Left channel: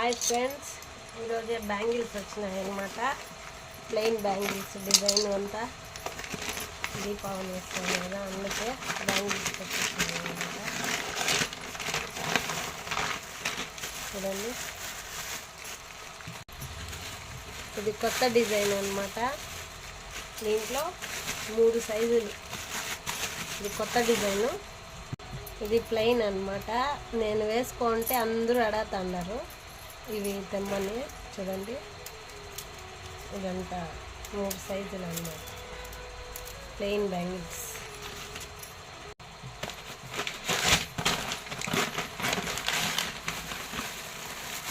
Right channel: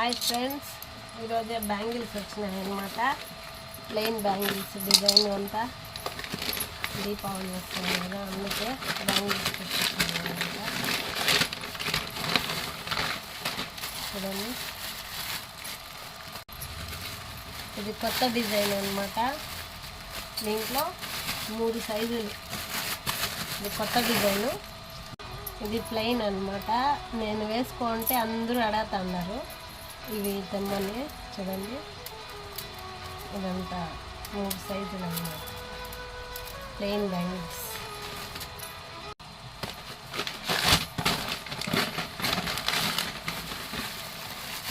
Hi friends, ఈరోజే bangles వచ్చినాయి అన్నమాట. ప్లెయిన్ బ్యాంగిల్స్ డిజైన్ అంతా దీపావళి వస్తుంది కదా, అందుకే బ్యాంగిల్స్ తెచ్చుకున్నాయి అన్నమాట. చూడండి, ఇది కొత్త డిజైన్ అన్నమాట. దీంట్లో 3 సైజులు. ఇది కొత్త డిజైను. ఇది ప్లెయిన్ అన్నమాట. నేను వేసుకుంటే అందరూ అడుగుతున్నారు ఇవి తెమ్మని. చూడండి, ఇదంతా 3 సైజులు అన్నమాట, ప్లెయిన్ బ్యాంగిల్స్.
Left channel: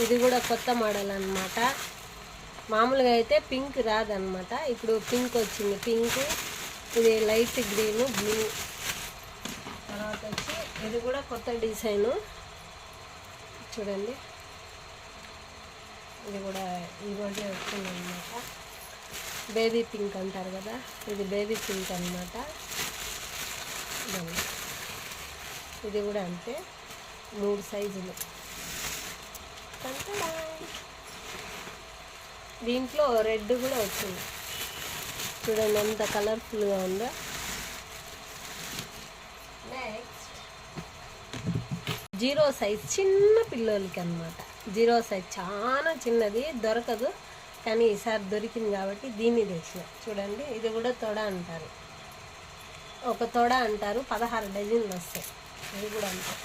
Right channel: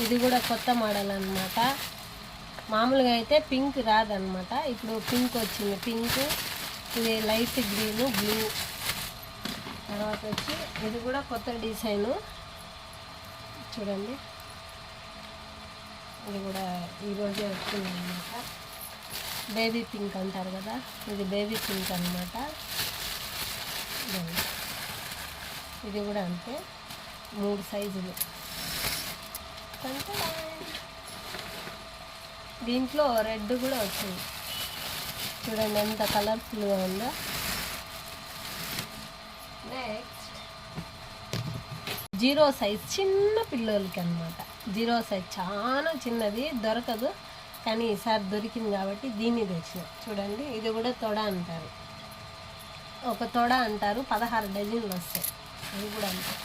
ఇది కూడా కొత్త మోడల్ అన్నమాట. మామూలుగా అయితే పింక్ రాదన్నమాట, ఇప్పుడు పింక్ వచ్చింది. పింక్, ఇది లైట్ గ్రీను, బ్లూ. తర్వాత వచ్చి ఇది కూడా కొత్త డిజైను. చూడండి, ఇది కూడా ఈరోజే వచ్చిందన్నమాట. బేబీ పింక్ అంటారు కదా, ఇది బేబీ పింక్ అన్నమాట. ఇది కూడా అంతే, 3 సైజులు. దీంట్లో రెడ్ కూడా వచ్చింది. చూడండి ఎంత కలర్ఫుల్గా ఉందో. నెక్స్ట్ 0 సైజ్, చిన్న పిల్లలకి అన్నమాట. 0 సైజ్ చాలా చిన్నది, దొరకదు. కానీ ఈసారి దొరికింది కాబట్టి దీన్ని తెచ్చిన. చూడండి, ఇది కూడా తొడ అంటారు, ఒక తొడ అంటారు. 16 డజన్లు వస్తాయి. ఇది కూడా అంతే.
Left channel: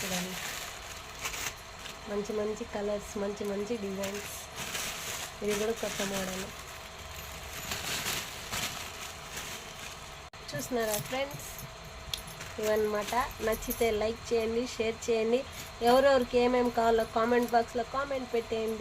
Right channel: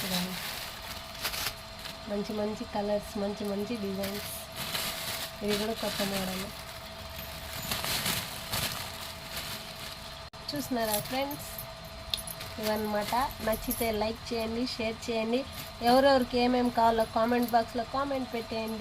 చూడండి, మంచి మంచి కలర్స్, మంచి మంచి డిజైన్స్. ఇది కూడా కొత్త మోడల్. చూస్తున్నారా ఫ్రెండ్స్, ఇవన్నమాట. నచ్చితే లైక్ చేయండి, షేర్ చేయండి. ఎవరెవరికి ఏమేమి కావాలో కామెంట్ బాక్స్లో కామెంట్ పెట్టేయండి.